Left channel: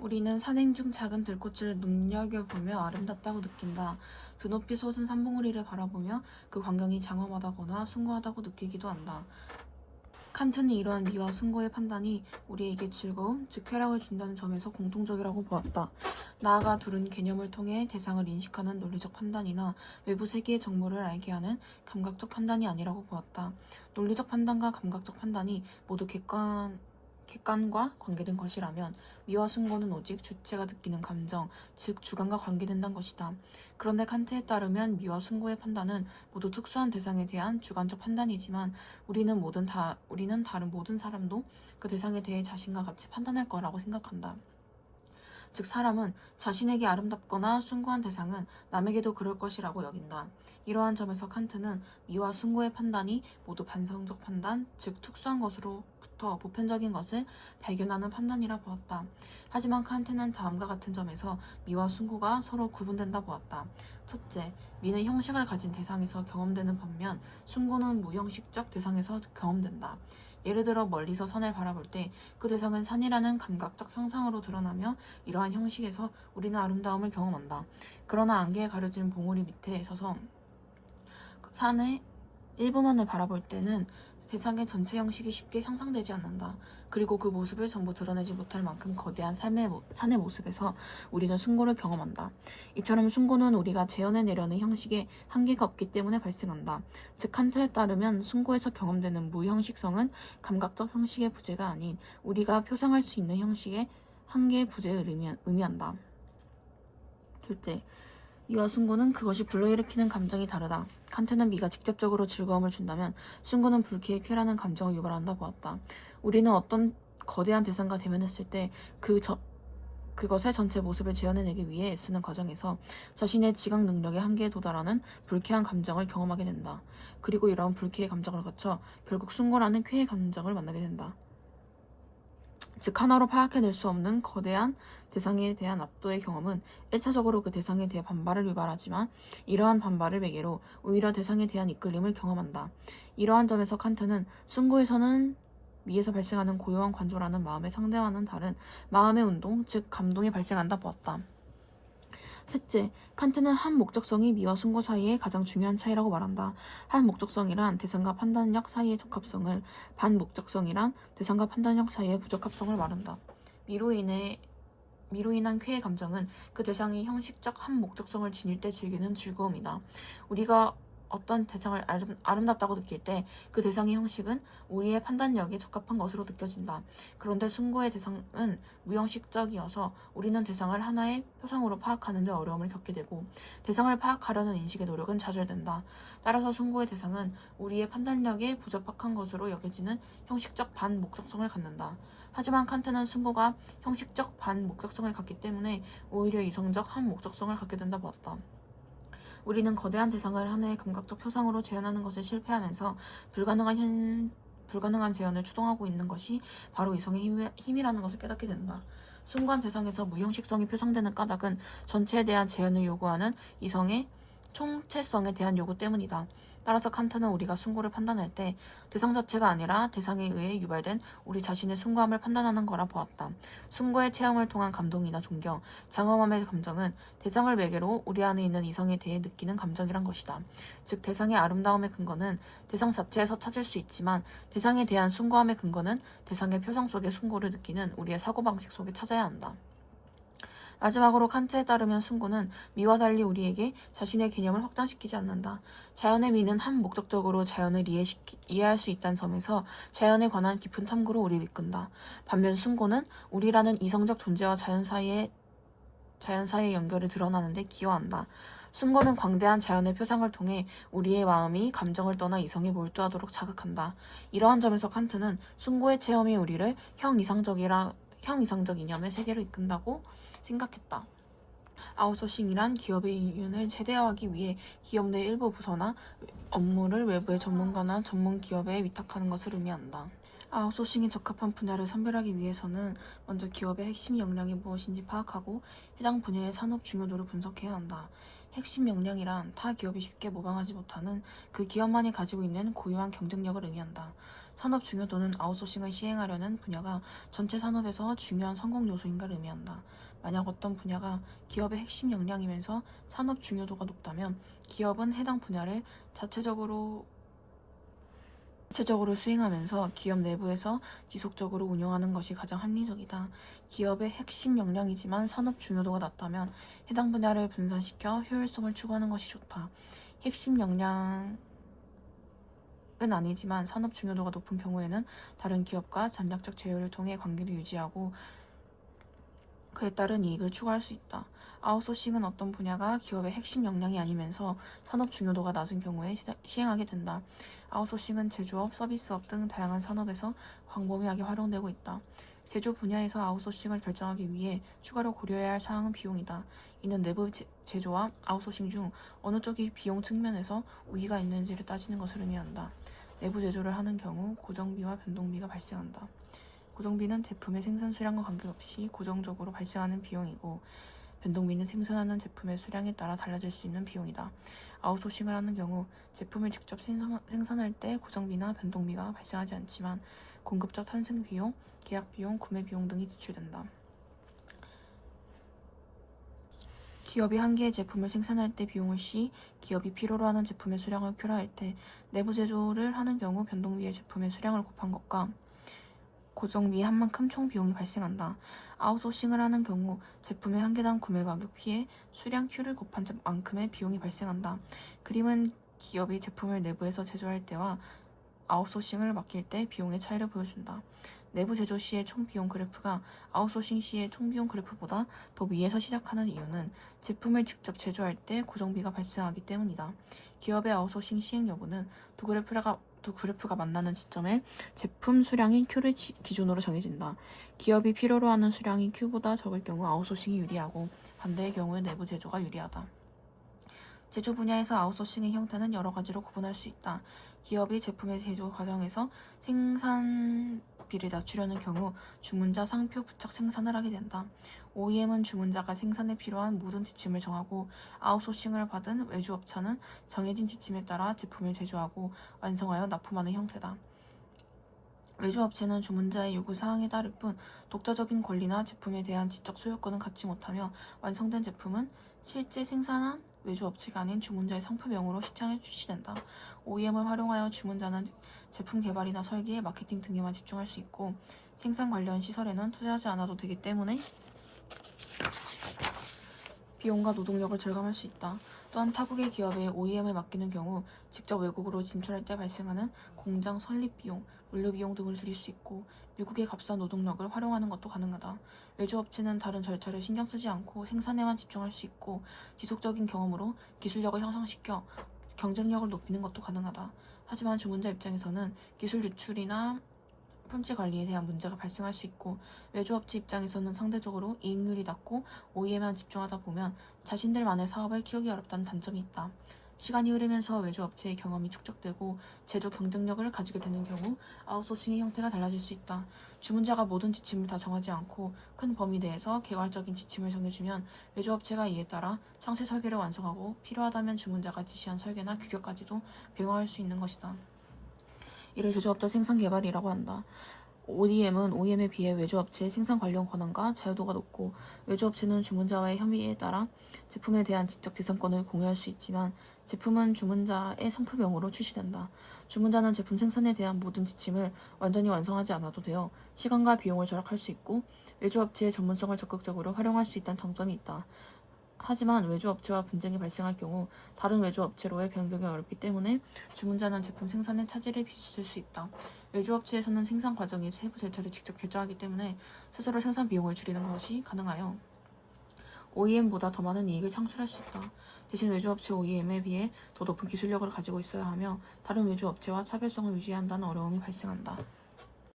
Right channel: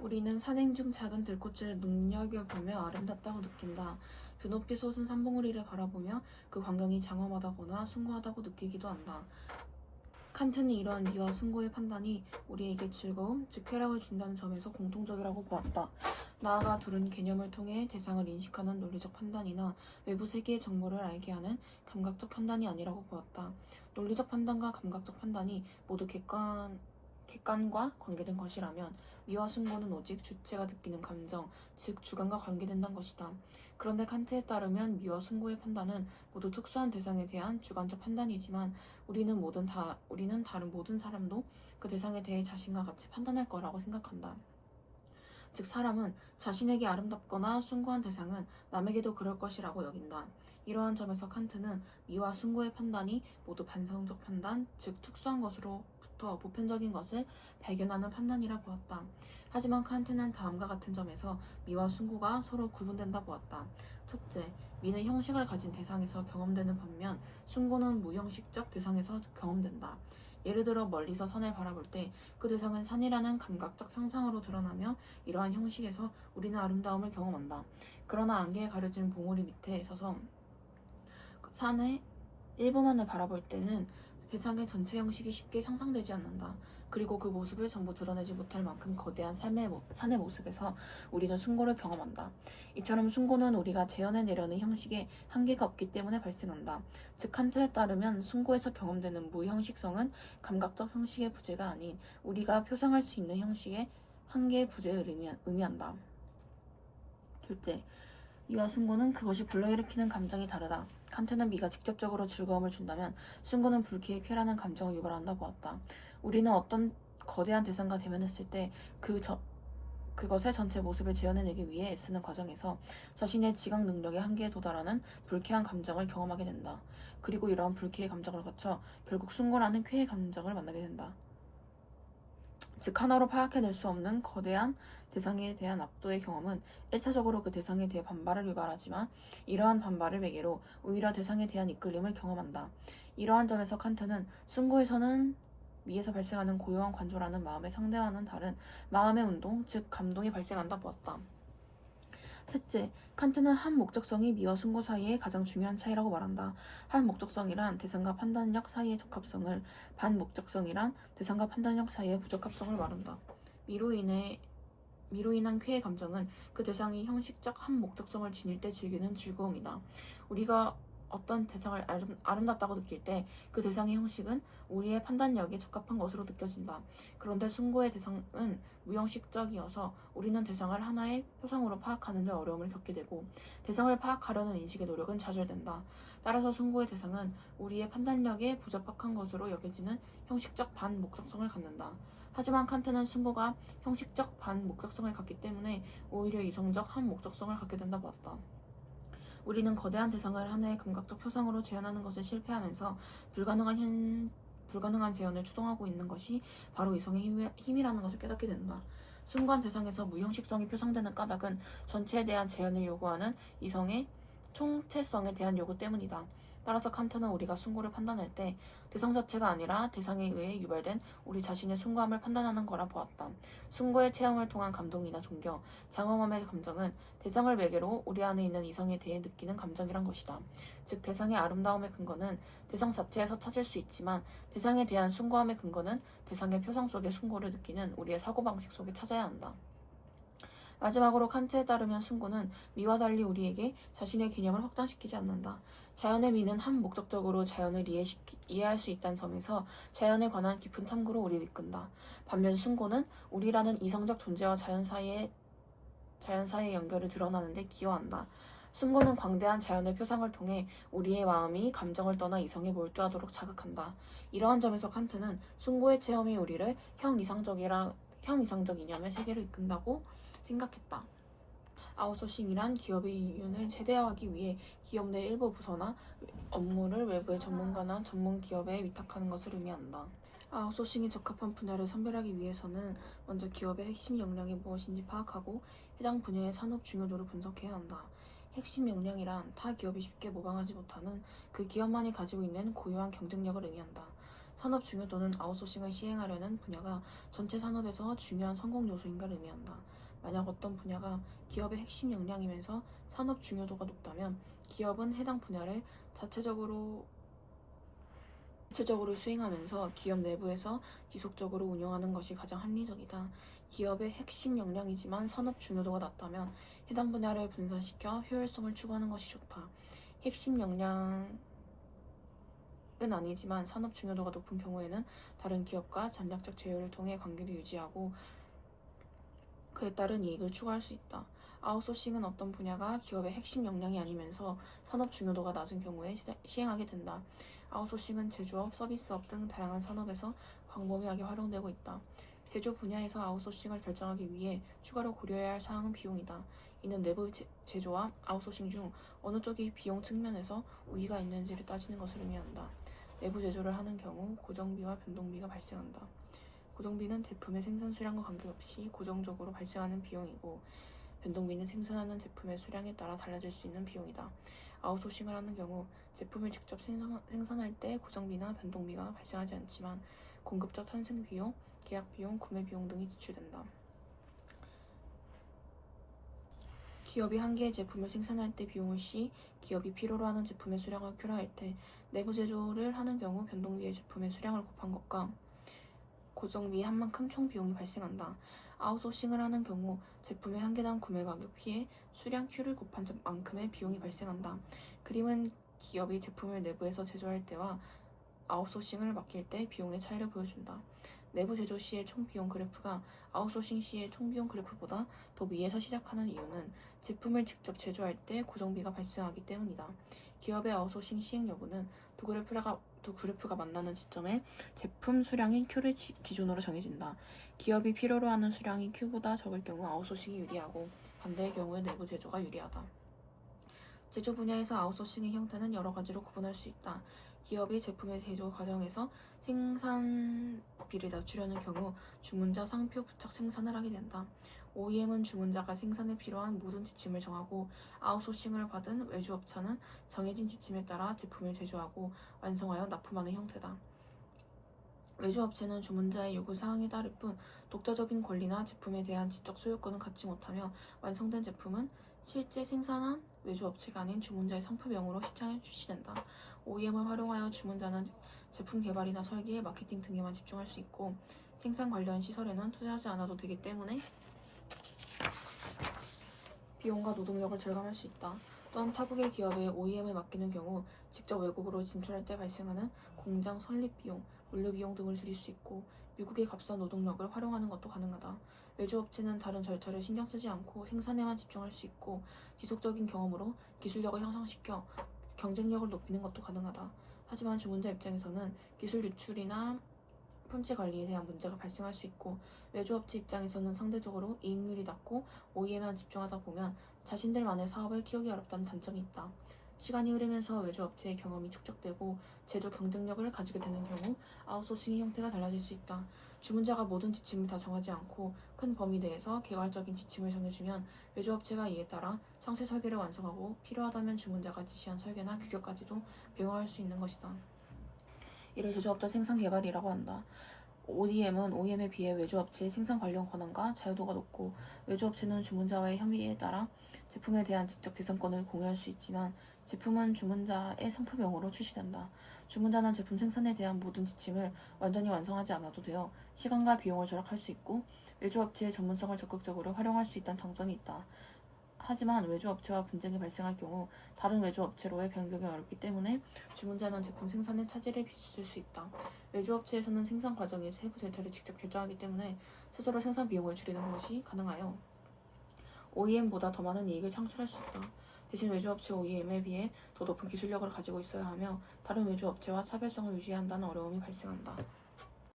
우리는 산행 중 작은 들꽃을 눈여겨보며 아름답다고 느낀다. 드높이 솟은 산봉우리를 바라보며 그 광경이 장엄하다거나 숭고하다고 느끼기도 한다. 칸트는 이러한 미와 숭고의 판단이 우리에게 즐거움, 즉 쾌락을 준다는 점에서 공통적이라고 보았다. 나아가 둘은 개념을 통해 대상을 인식하는 논리적 판단이나 외부 세계의 정보를 알게 하는 감각적 판단이 아니라고 보았다. 논리적 판단과 감각적 판단이 모두 객관과 관계된 것이라면 미와 숭고는 오직 주체가 느끼는 감정, 즉 주관과 관계된다는 것이다. 그런데 칸트에 따르면 미와 숭고의 판단은 모두 특수한 대상에 대한 주관적 판단이지만 우리는 다른 모든 사람도 그 대상에 대해 자신과 같이 판단할 거라고 생각한다. 즉 사람은 자신에게 아름답거나 숭고한 대상은 남에게도 그럴 것이라고 여긴다. 이러한 점에서 칸트는 미와 숭고의 판단이 모두 반성적 판단, 즉 특수한 것으로부터 보편적인 것을 발견하는 판단이라 보았다. 하지만 칸트는 다음과 같은 점에서 미와 숭고가 서로 구분된다 보았다. 첫째, 미는 형식을 가진 대상에서 경험되는 반면 숭고는 무형식적 대상에서 경험된다. 예를 들어 멀리서 산을 바라볼 때 그 대상은 산이라는 감각적 형상으로 드러나며 이러한 형식에서 우리는 아름다움을 경험한다. 그러나 안개에 가려진 봉우리 밑에 서서 산의 일부만을 바라볼 때는 대상의 전체 형식이 쉽게 상상되지 않는다. 그리고 그 모습을 전부 드러내지 못할 만큼 거대한 산의 모습에서 우리는 숭고를 경험한다. 이처럼 숭고는 우리가 재현해내려는 형식에 한계가 없기 때문에 발생한다. 즉 칸트에 따르면 숭고에서 경험되는 무형식성은 감각적 형식의 부재가 아닌 우리가 표상할 수 있는 형식의 한계의 부재를 의미한다. 둘째, 미와 숭고는 그것이 불러일으키는 감정이 다르다. 칸트는 미가 직접적으로 즐거움을 준다면 숭고는 불쾌의 쾌라는 감정을 유발한다 보았다. 우리는 어떤 거대한 대상과 대면했을 때 그것의 전체 모습을 재현해내기 위해 애쓰는 과정에서 자신의 지각 능력의 한계에 도달하는 불쾌한 감정을 경험하게 된다. 그리고 이러한 불쾌의 감정을 거쳐 결국 숭고라는 쾌의 감정을 만나게 된다. 즉 하나로 파악해낼 수 없는 거대한 대상에 대한 압도의 경험은 1차적으로 그 대상에 대해 반발을 유발하지만 이러한 반발을 매개로 오히려 대상에 대한 이끌림을 경험한다. 이러한 점에서 칸트는 숭고에서는 미에서 발생하는 고요한 관조라는 마음의 상대와는 다른 마음의 운동, 즉 감동이 발생한다 보았다. 셋째, 칸트는 한 목적성이 미와 숭고 사이의 가장 중요한 차이라고 말한다. 한 목적성이란 대상과 판단력 사이의 적합성을, 반 목적성이란 대상과 판단력 사이의 부적합성을 말한다. 미로 인한 쾌의 감정은 그 대상이 형식적 한 목적성을 지닐 때 즐기는 즐거움이다. 우리가 어떤 대상을 아름답다고 느낄 때 그 대상의 형식은 우리의 판단력에 적합한 것으로 느껴진다. 그런데 숭고의 대상은 무형식적이어서 우리는 대상을 하나의 표상으로 파악하는 데 어려움을 겪게 되고 대상을 파악하려는 인식의 노력은 좌절된다. 따라서 숭고의 대상은 우리의 판단력에 부적합한 것으로 여겨지는 형식적 반목적성을 갖는다. 하지만 칸트는 숭고가 형식적 반목적성을 갖기 때문에 오히려 이성적 한목적성을 갖게 된다 보았다. 우리는 거대한 대상을 하나의 감각적 표상으로 재현하는 것을 실패하면서 불가능한 재현을 추동하고 있는 것이 바로 이성의 힘이라는 것을 깨닫게 된다. 숭고한 대상에서 무형식성이 표상되는 까닭은 전체에 대한 재현을 요구하는 이성의 총체성에 대한 요구 때문이다. 따라서 칸트는 우리가 숭고를 판단할 때 대상 자체가 아니라 대상에 의해 유발된 우리 자신의 숭고함을 판단하는 거라 보았다. 숭고의 체험을 통한 감동이나 존경, 장엄함의 감정은 대상을 매개로 우리 안에 있는 이성에 대해 느끼는 감정이란 것이다. 즉 대상의 아름다움의 근거는 대상 자체에서 찾을 수 있지만 대상에 대한 숭고함의 근거는 대상의 표상 속의 숭고를 느끼는 우리의 사고방식 속에 찾아야 한다. 마지막으로 칸트에 따르면 숭고는 미와 달리 우리에게 자신의 개념을 확장시키지 않는다. 자연의 미는 한 목적적으로 자연을 이해할 수 있다는 점에서 자연에 관한 깊은 탐구로 우리를 이끈다. 반면 숭고는 우리라는 이성적 존재와 자연 사이의 연결을 드러나는 데 기여한다. 숭고는 광대한 자연의 표상을 통해 우리의 마음이 감정을 떠나 이성에 몰두하도록 자극한다. 이러한 점에서 칸트는 숭고의 체험이 우리를 형이상적 이념의 세계로 이끈다고 생각했다. 아웃소싱이란 기업의 이윤을 최대화하기 위해 기업 내 일부 부서나 업무를 외부의 전문가나 전문 기업에 위탁하는 것을 의미한다. 아웃소싱에 적합한 분야를 선별하기 위해서는 먼저 기업의 핵심 역량이 무엇인지 파악하고 해당 분야의 산업 중요도를 분석해야 한다. 핵심 역량이란 타 기업이 쉽게 모방하지 못하는 그 기업만이 가지고 있는 고유한 경쟁력을 의미한다. 산업 중요도는 아웃소싱을 시행하려는 분야가 전체 산업에서 중요한 성공 요소인 걸 의미한다. 만약 어떤 분야가 기업의 핵심 역량이면서 산업 중요도가 높다면 기업은 해당 분야를 자체적으로 수행하면서 기업 내부에서 지속적으로 운영하는 것이 가장 합리적이다. 기업의 핵심 역량이지만 산업 중요도가 낮다면 해당 분야를 분산시켜 효율성을 추구하는 것이 좋다. 핵심 역량은 아니지만 산업 중요도가 높은 경우에는 다른 기업과 전략적 제휴를 통해 관계를 유지하고 그에 따른 이익을 추구할 수 있다. 아웃소싱은 어떤 분야가 기업의 핵심 역량이 아니면서 산업 중요도가 낮은 경우에 시행하게 된다. 아웃소싱은 제조업, 서비스업 등 다양한 산업에서 광범위하게 활용되고 있다. 제조 분야에서 아웃소싱을 결정하기 위해 추가로 고려해야 할 사항은 비용이다. 이는 내부 제조와 아웃소싱 중 어느 쪽이 비용 측면에서 우위가 있는지를 따지는 것을 의미한다. 내부 제조를 하는 경우 고정비와 변동비가 발생한다. 고정비는 제품의 생산 수량과 관계없이 고정적으로 발생하는 비용이고, 변동비는 생산하는 제품의 수량에 따라 달라질 수 있는 비용이다. 아웃소싱을 하는 경우 제품을 직접 생산할 때 고정비나 변동비가 발생하지 않지만 공급자 탄생 비용, 계약 비용, 구매 비용 등이 지출된다. 기업이 한 개의 제품을 생산할 때 비용을 시, 기업이 필요로 하는 제품의 수량을 큐로할 때 내부 제조를 하는 경우 변동비의 제품의 수량을 곱한 것과 고정비의 한 만큼 총 비용이 발생한다. 아웃소싱을 하는 경우 제품의 한 개당 구매 가격 P에 수량 Q를 곱한 만큼의 비용이 발생한다. 그림은 기업이 제품을 내부에서 제조할 때와 아웃소싱을 맡길 때 비용의 차이를 보여준다. 내부 제조 시의 총 비용 그래프가 아웃소싱 시의 총 비용 그래프보다 더 위에서 시작하는 이유는 제품을 직접 제조할 때 고정비가 발생하기 때문이다. 기업의 아웃소싱 시행 여부는 두 그래프가 만나는 지점에 제품 수량인 Q를 기준으로 정해진다. 기업이 필요로 하는 수량이 Q보다 적을 경우 아웃소싱이 유리하고 반대의 경우에 내부 제조가 유리하다. 제조 분야에서 아웃소싱의 형태는 여러 가지로 구분할 수 있다. 기업이 제품의 제조 과정에서 생산비를 낮추려는 경우 주문자 상표 부착 생산을 하게 된다. OEM은 주문자가 생산에 필요한 모든 지침을 정하고 아웃소싱을 받은 외주업체는 정해진 지침에 따라 제품을 제조하고 완성하여 납품하는 형태다. 외주업체는 주문자의 요구사항에 따를 뿐 독자적인 권리나 제품에 대한 지적 소유권은 갖지 못하며 완성된 제품은 실제 생산한 외주업체가 아닌 주문자의 상표명으로 시장에 출시된다. OEM을 활용하여 주문자는 제품 개발이나 설계, 마케팅 등에만 집중할 수 있고 생산 관련 시설에는 투자하지 않아도 되기 때문에 비용과 노동력을 절감할 수 있다. 또한 타국의 기업에 OEM을 맡기는 경우 직접 외국으로 진출할 때 발생하는 공장 설립 비용, 물류 비용 등을 줄일 수 있고 미국의 값싼 노동력을 활용하는 것도 가능하다. 외주업체는 다른 절차를 신경 쓰지 않고 생산에만 집중할 수 있고 지속적인 경험으로 기술력을 향상시켜 경쟁력을 높이는 것도 가능하다. 하지만 주문자 입장에서는 기술 유출이나 품질 관리에 대한 문제가 발생할 수 있고 외주업체 입장에서는 상대적으로 이익률이 낮고 OEM에만 집중하다 보면 자신들만의 사업을 키우기 어렵다는 단점이 있다. 시간이 흐르면서 외주업체의 경험이 축적되고 제조 경쟁력을 가지게 되는 경우 아웃소싱의 형태가 달라질 수 있다. 주문자가 모든 지침을 다 정하지 않고 큰 범위 내에서 개괄적인 지침을 정해주면 외주업체가 이에 따라 상세 설계를 완성하고 필요하다면 주문자가 지시한 설계나 규격까지도 병행할 수 있는 것이다. 이를 제조업자 생산 개발이라고 한다. ODM은 OEM에 비해 외주업체의 생산 관련 권한과 자유도가 높고 외주업체는 주문자와의 협의에 따라 제품에 대한 지적 재산권을 공유할 수 있지만 제품은 주문자의 상표명으로 출시된다. 주문자는 제품 생산에 대한 모든 지침을 완전히 완성하지 않아도 되어 시간과 비용을 절약할 수 있고 외주업체의 전문성을 적극적으로 활용할 수 있다는 장점이 있다. 하지만 외주업체와 분쟁이 발생할 경우 다른 외주업체로의 변경이 어렵기 때문에 주문자는 제품 생산에 차질을 빚을 수 있다. 외주업체에서는 생산 과정의 세부 절차를 직접 결정하기 때문에 스스로 생산 비용을 줄이는 것이 가능하여 OEM보다 더 많은 이익을 창출할 수 있다. 대신 외주업체 OEM에 비해 더 높은 기술력을 가지고 있어야 하며 다른 외주업체와 차별성을 유지해야 한다는 어려움이 발생한다.